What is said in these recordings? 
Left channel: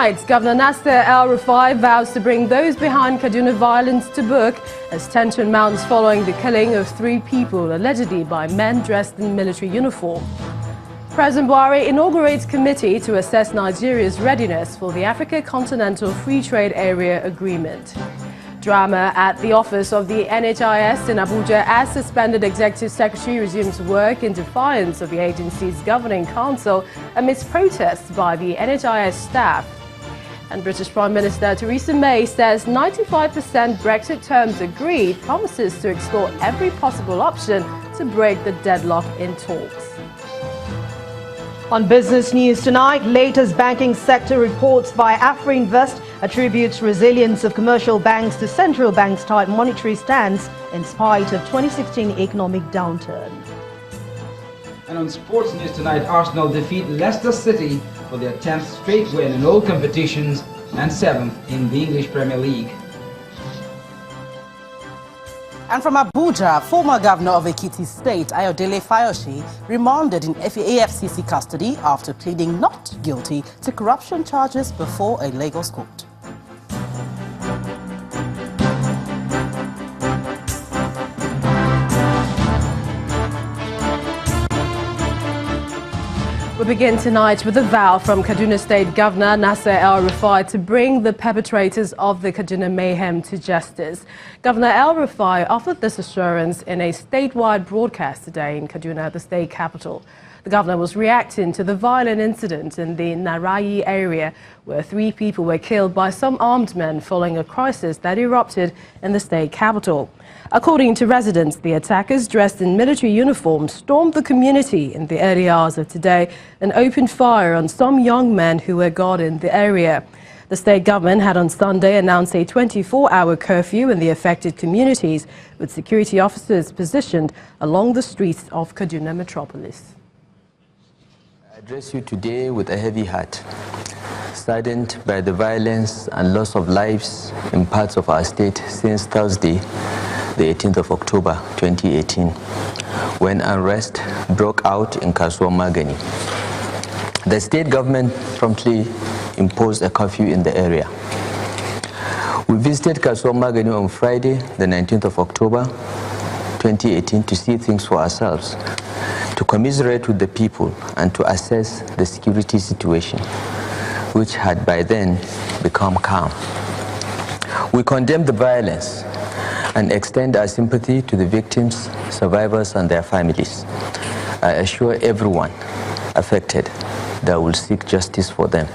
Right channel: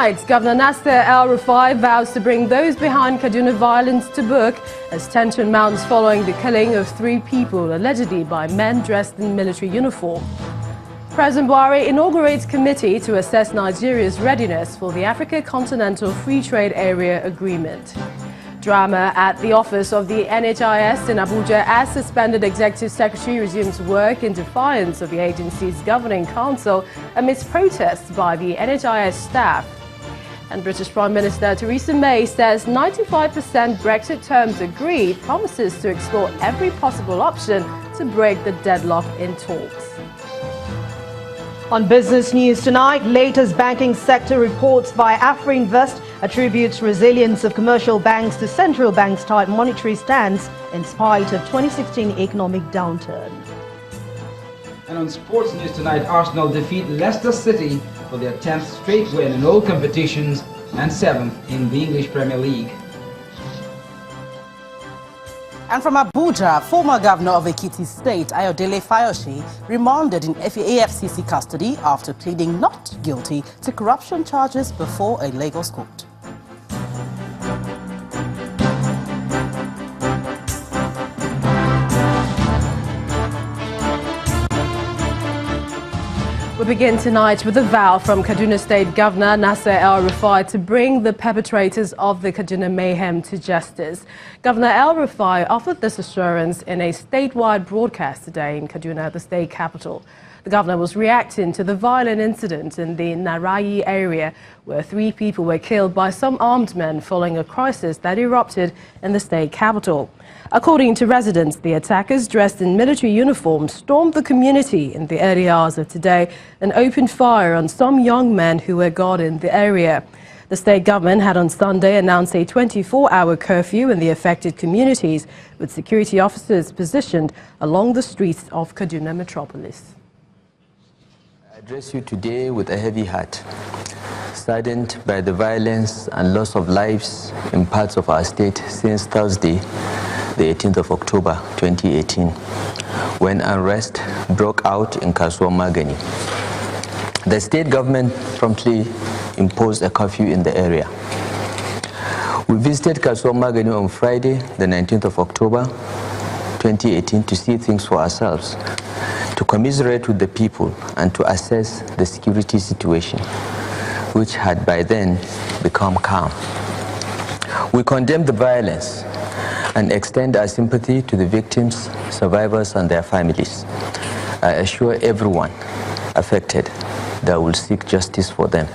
tonight, Governor Nasser El-Rufai vows to bring those behind Kaduna violence to book as tension mounts following the killing of 3 people, allegedly by men dressed in military uniform. President Buhari inaugurates committee to assess Nigeria's readiness for the Africa Continental Free Trade Area Agreement. Drama at the office of the NHIS in Abuja as suspended executive secretary resumes work in defiance of the agency's governing council amidst protests by the NHIS staff. And British Prime Minister Theresa May says 95% Brexit terms agreed, promises to explore every possible option to break the deadlock in talks. On business news tonight, latest banking sector reports by AfriInvest attributes resilience of commercial banks to central banks' tight monetary stance in spite of 2016 economic downturn. And on sports news tonight, Arsenal defeat Leicester City for their 10th straight win in all competitions and 7th in the English Premier League. And from Abuja, former governor of Ekiti State, Ayodele Fayose, remanded in AFCC custody after pleading not guilty to corruption charges before a Lagos court. We begin tonight with a vow from Kaduna State Governor Nasser El-Rufai to bring the perpetrators of the Kaduna mayhem to justice. Governor El-Rufai offered this assurance in a statewide broadcast today in Kaduna, the state capital. The governor was reacting to the violent incident in the Narayi area where 3 people were killed by some armed men following a crisis that erupted in the state capital. According to residents, the attackers dressed in military uniforms stormed the community in the early hours of today and opened fire on some young men who were guarding the area. The state government had on Sunday announced a 24-hour curfew in the affected communities, with security officers positioned along the streets of Kaduna metropolis. I address you today with a heavy heart, saddened by the violence and loss of lives in parts of our state since Thursday, the 18th of October 2018, when unrest broke out in Kasuwa Magani. The state government promptly imposed a curfew in the area. We visited Kasuwa Magani on Friday, the 19th of October 2018, to see things for ourselves, to commiserate with the people and to assess the security situation, which had by then become calm. We condemn the violence and extend our sympathy to the victims, survivors, and their families. I assure everyone affected that we'll seek justice for them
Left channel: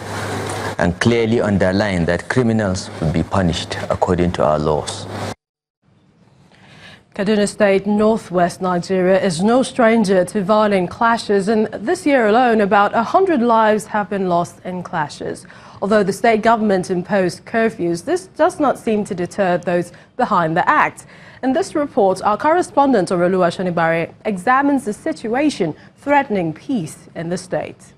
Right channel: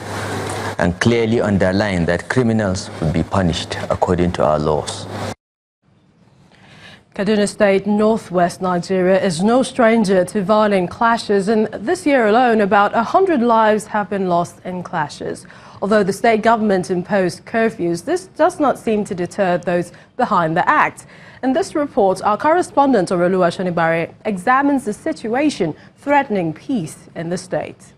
and clearly underline that criminals will be punished according to our laws. Kaduna State, northwest Nigeria, is no stranger to violent clashes, and this year alone, about 100 lives have been lost in clashes. Although the state government imposed curfews, this does not seem to deter those behind the act. In this report, our correspondent, Oroluwa Shonibare, examines the situation threatening peace in the state.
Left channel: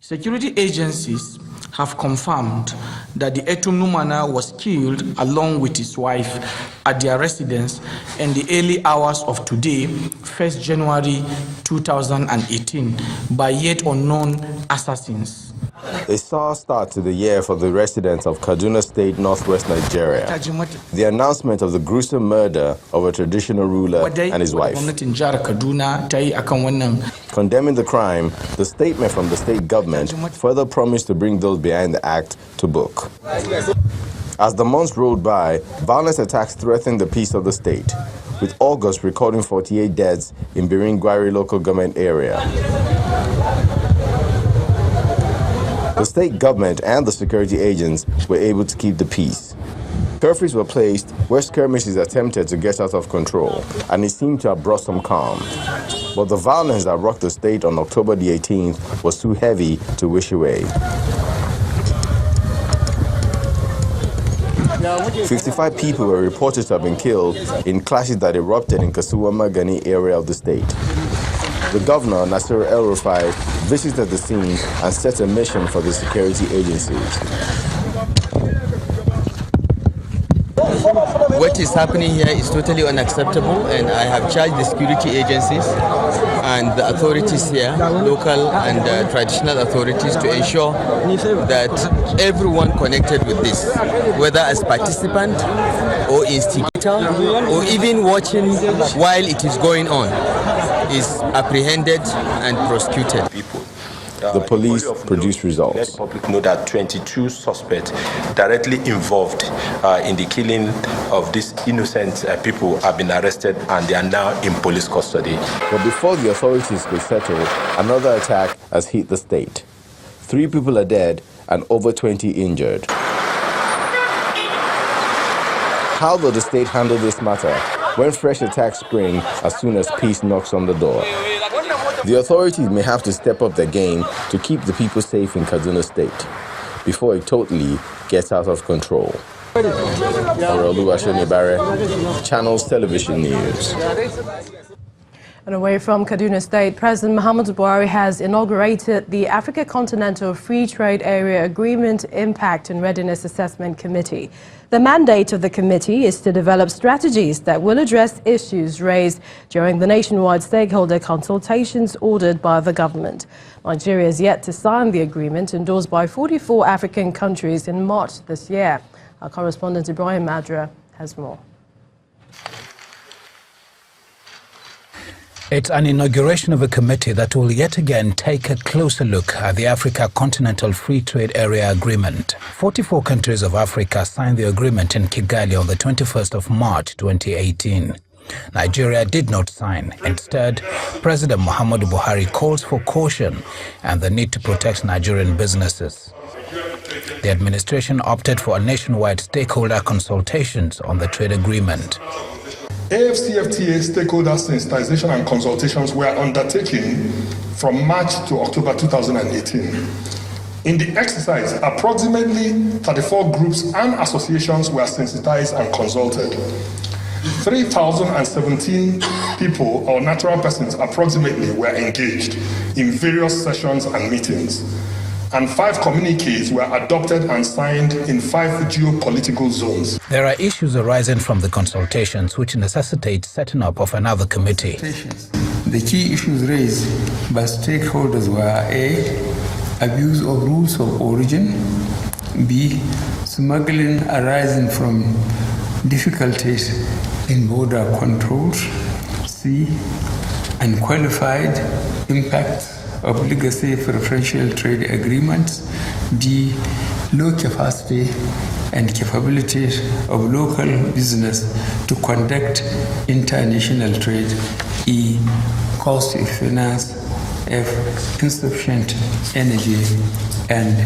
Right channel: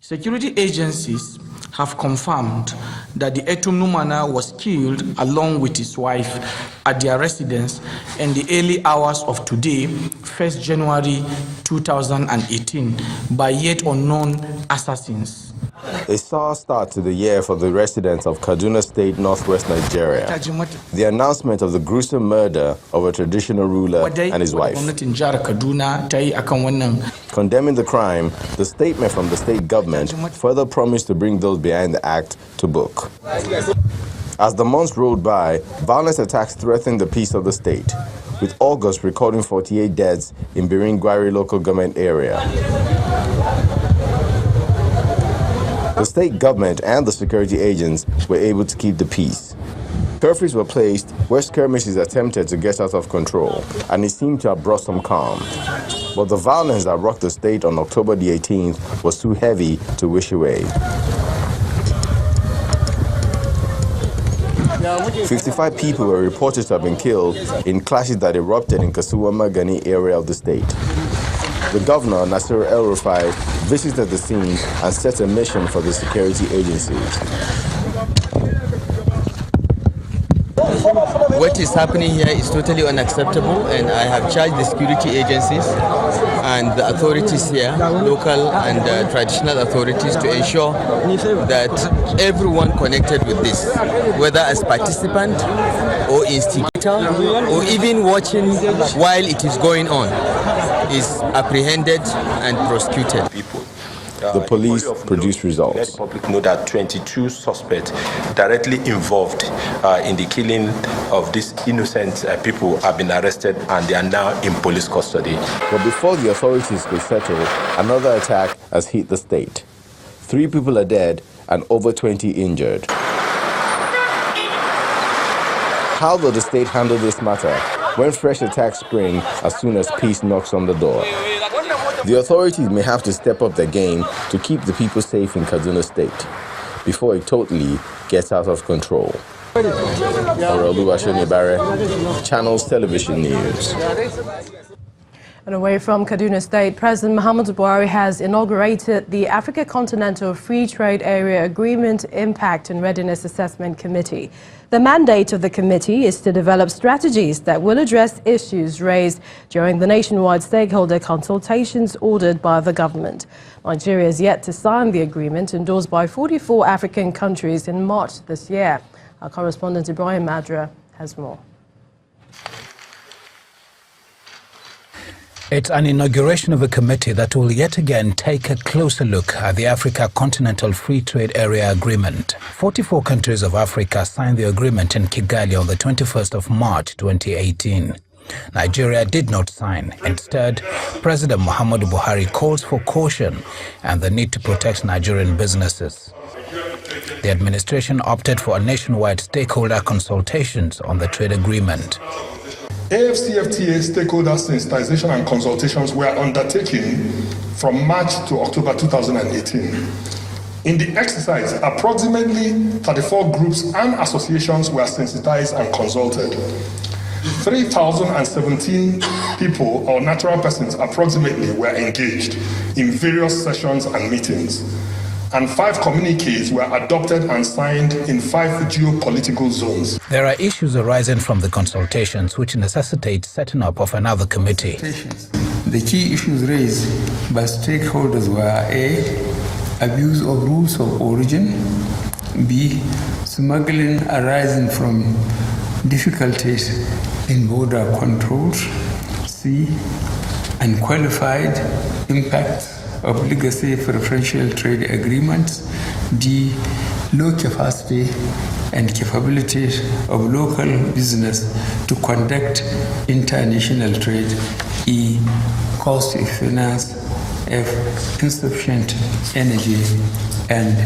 Security agencies have confirmed that the Etunumana was killed along with his wife at their residence in the early hours of today, 1st January 2018, by yet unknown assassins. A sour start to the year for the residents of Kaduna State, northwest Nigeria. The announcement of the gruesome murder of a traditional ruler and his wife. Condemning the crime, the statement from the state government further promised to bring those behind the act to book. As the months rolled by, violence attacks threatened the peace of the state, with August recording 48 deaths in Biringwari local government area. The state government and the security agents were able to keep the peace. Curfews were placed where skirmishes attempted to get out of control, and it seemed to have brought some calm. But the violence that rocked the state on October the 18th was too heavy to wish away. 55 people were reported to have been killed in clashes that erupted in Kasuwa Magani area of the state. The governor, Nasser El-Rufai, visited the scene and set a mission for the security agencies. What is happening here is totally unacceptable, and I have charged the security agencies and the authorities here, local and traditional authorities, to ensure that everyone connected with this, whether as participant or instigator or even watching while it is going on, is apprehended and prosecuted. The police produced results. Let the public know that 22 suspects directly involved in the killing of these innocent people have been arrested and they are now in police custody. But before the authorities could settle, another attack has hit the state. 3 people are dead and over 20 injured. How will the state handle this matter when fresh attacks spring as soon as peace knocks on the door? The authorities may have to step up their game to keep the people safe in Kaduna State before it totally gets out of control. Channels Television News. And away from Kaduna State, President Muhammadu Buhari has inaugurated the Africa Continental Free Trade Area Agreement Impact and Readiness Assessment Committee. The mandate of the committee is to develop strategies that will address issues raised during the nationwide stakeholder consultations ordered by the government. Nigeria is yet to sign the agreement endorsed by 44 African countries in March this year. Our correspondent Ibrahim Adra has more. It's an inauguration of a committee that will yet again take a closer look at the Africa Continental Free Trade Area Agreement. 44 countries of Africa signed the agreement in Kigali on the 21st of March 2018. Nigeria did not sign. Instead, President Muhammadu Buhari calls for caution and the need to protect Nigerian businesses. The administration opted for a nationwide stakeholder consultations on the trade agreement. AFCFTA stakeholder sensitization and consultations were undertaken from March to October 2018. In the exercise, approximately 34 groups and associations were sensitized and consulted. 3,017 people or natural persons approximately were engaged in various sessions and meetings, and 5 communiques were adopted and signed in 5 geopolitical zones. There are issues arising from the consultations which necessitate setting up of another committee. The key issues raised by stakeholders were A, abuse of rules of origin, B, smuggling arising from difficulties in border controls, C, unqualified impacts of legacy preferential trade agreements, D, low capacity and capabilities of local business to conduct international trade, E, cost of finance, F, insufficient energy, and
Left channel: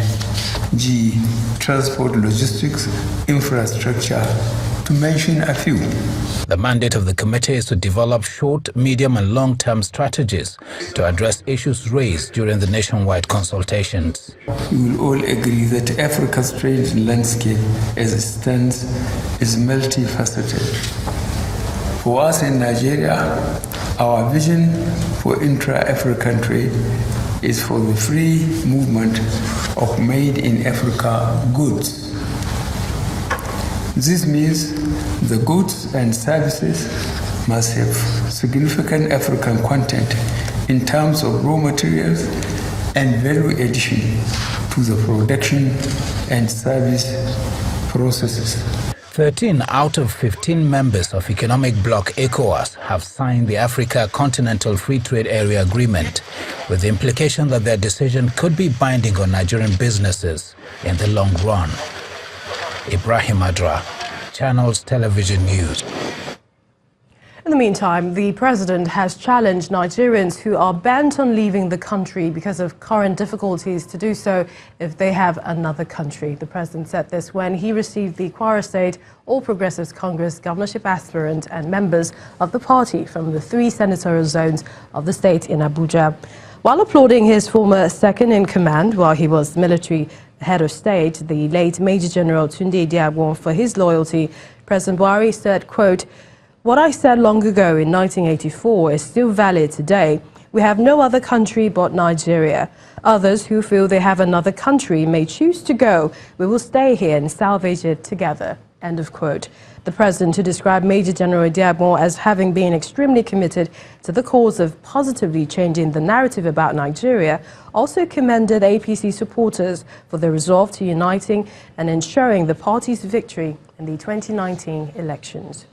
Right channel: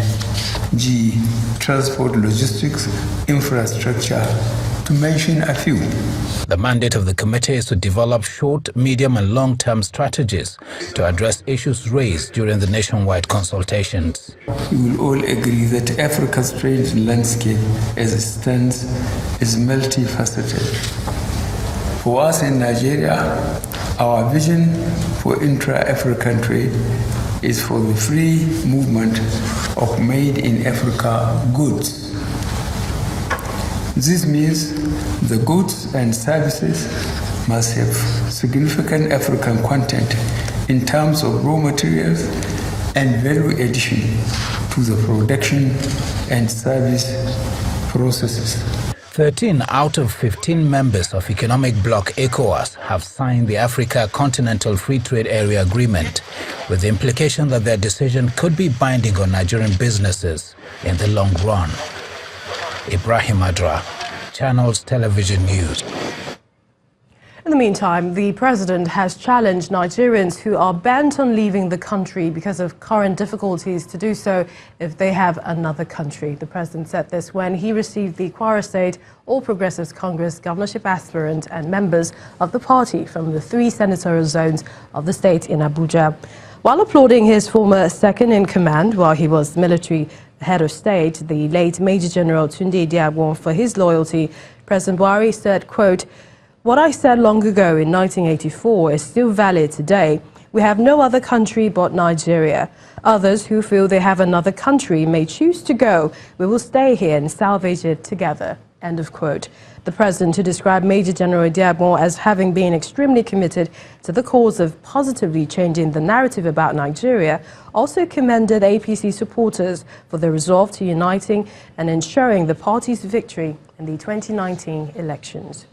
G, transport logistics, infrastructure, to mention a few. The mandate of the committee is to develop short, medium and long-term strategies to address issues raised during the nationwide consultations. We will all agree that Africa's trade landscape as it stands is multifaceted. For us in Nigeria, our vision for intra-African trade is for the free movement of made-in-Africa goods. This means the goods and services must have significant African content in terms of raw materials and value addition to the production and service processes. 13 out of 15 members of Economic Bloc ECOWAS have signed the Africa Continental Free Trade Area Agreement, with the implication that their decision could be binding on Nigerian businesses in the long run. Ibrahim Adra, Channels Television News. In the meantime, the president has challenged Nigerians who are bent on leaving the country because of current difficulties to do so if they have another country. The president said this when he received the Kwara State All Progressives Congress governorship aspirant and members of the party from the 3 senatorial zones of the state in Abuja. While applauding his former second-in-command while he was military head of state, the late Major General Tunde Diabon, for his loyalty, President Buhari said, quote, "What I said long ago in 1984 is still valid today. "We have no other country but Nigeria. Others who feel they have another country may choose to go. We will stay here and salvage it together." End of quote. The president, who described Major General Pt.1 as having been extremely committed to the cause of positively changing the narrative about Nigeria, also commended APC supporters for their resolve to uniting and ensuring the party's victory in the 2019 elections.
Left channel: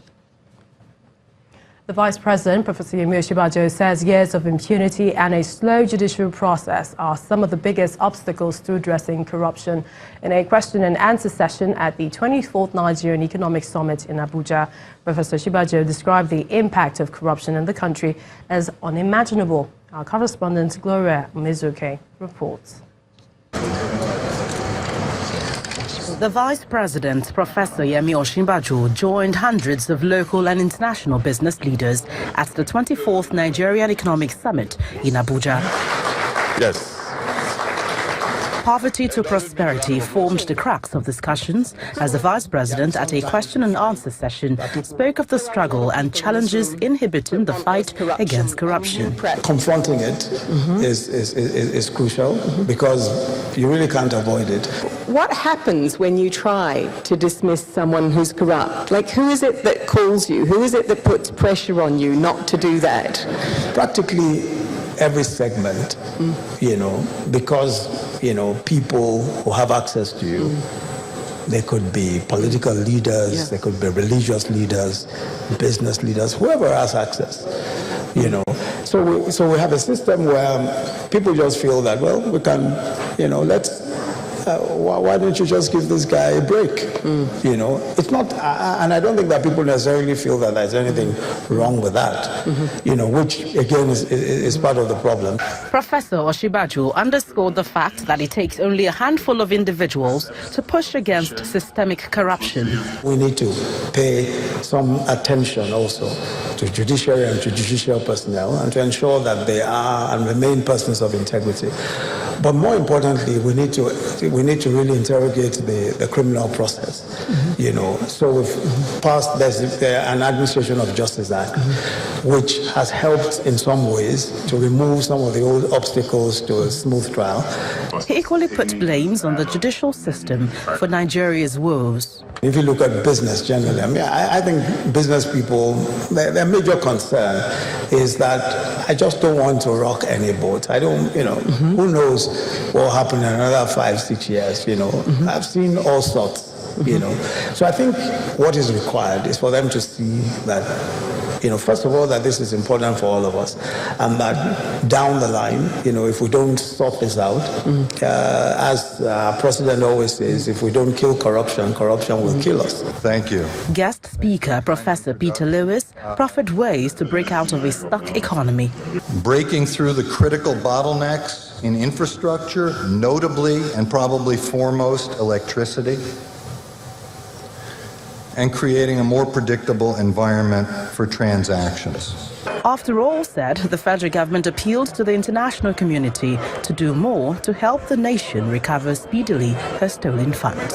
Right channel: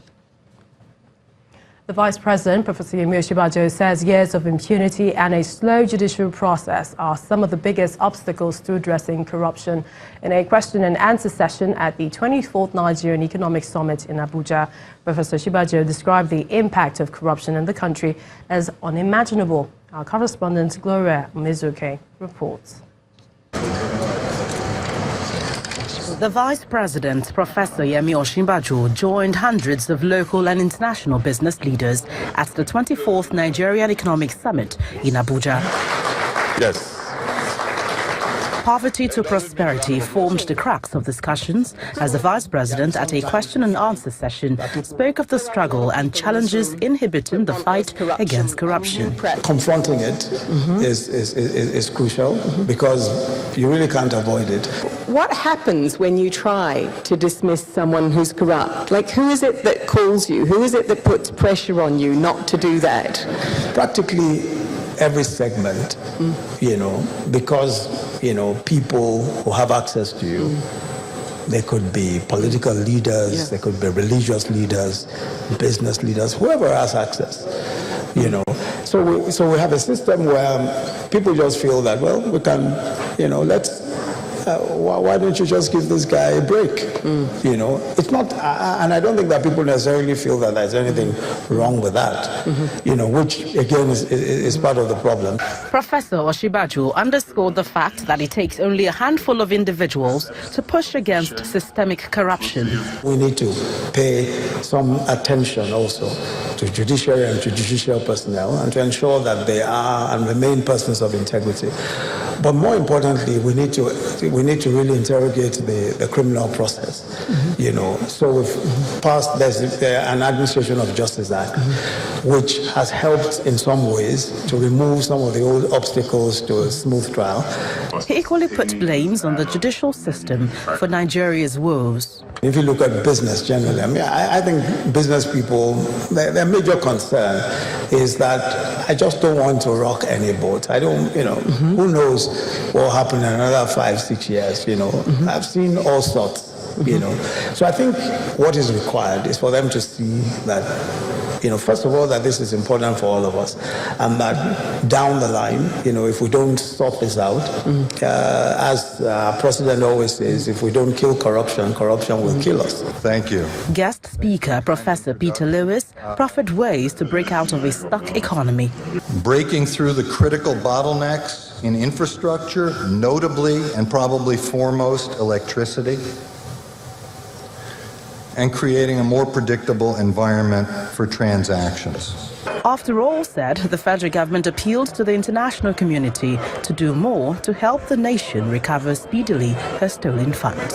The Vice President, Professor Yemi Osinbajo, says years of impunity and a slow judicial process are some of the biggest obstacles to addressing corruption. In a question and answer session at the 24th Nigerian Economic Summit in Abuja, Professor Osinbajo described the impact of corruption in the country as unimaginable. Our correspondent, Gloria Mizuke, reports. The Vice President, Professor Yemi Osinbajo, joined hundreds of local and international business leaders at the 24th Nigerian Economic Summit in Abuja. Yes. Poverty to prosperity formed the crux of discussions as the Vice President, at a question and answer session, spoke of the struggle and challenges inhibiting the fight against corruption. Confronting it is crucial because you really can't avoid it. What happens when you try to dismiss someone who's corrupt? Like, who is it that calls you? Who is it that puts pressure on you not to do that? Practically every segment, because, people who have access to you, they could be political leaders, they could be religious leaders, business leaders, whoever has access, So we have a system where people just feel that, well, we can, why don't you just give this guy a break? It's not, and I don't think that people necessarily feel that there's anything wrong with that, which again is part of the problem. Professor Osinbajo underscored the fact that it takes only a handful of individuals to push against systemic corruption. We need to pay some attention also to judiciary and judicial personnel and to ensure that they are and remain persons of integrity. But more importantly, we need to really interrogate the criminal process. So we've passed an Administration of Justice Act, which has helped in some ways to remove some of the old obstacles to a smooth trial. He equally put blames on the judicial system for Nigeria's woes. If you look at business generally, I think business people, their major concern is that I just don't want to rock any boat. I don't, who knows what will happen in another 5-6 years, I've seen all sorts, So I think what is required is for them to see that, first of all, that this is important for all of us, and that down the line, if we don't sort this out, as President always says, if we don't kill corruption, corruption will kill us. Thank you. Guest speaker, Professor Peter Lewis, proffered ways to break out of a stuck economy. Breaking through the critical bottlenecks in infrastructure, notably and probably foremost electricity, and creating a more predictable environment for transactions. After all said, the federal government appealed to the international community to do more to help the nation recover speedily her stolen funds.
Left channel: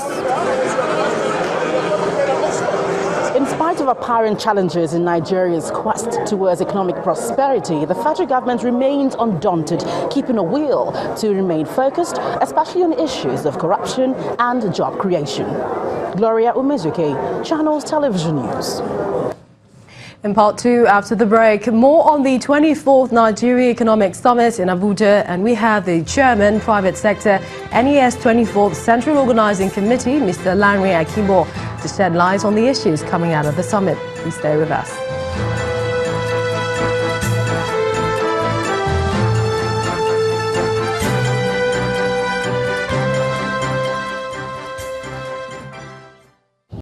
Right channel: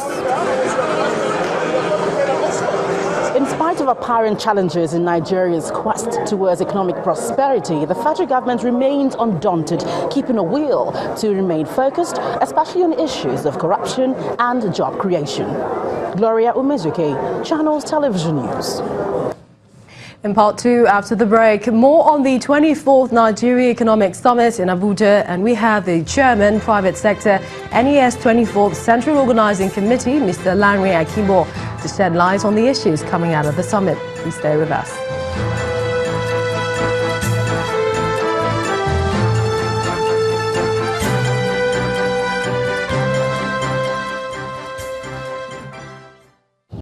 In spite of apparent challenges in Nigeria's quest towards economic prosperity, the federal government remains undaunted, keeping a will to remain focused, especially on issues of corruption and job creation. Gloria Umezuke, Channels Television News. In part two, after the break, more on the 24th Nigeria Economic Summit in Abuja, and we have the Chairman, Private Sector, NES 24th Central Organizing Committee, Mr. Lanre Akimo, to shed light on the issues coming out of the summit. Please stay with us.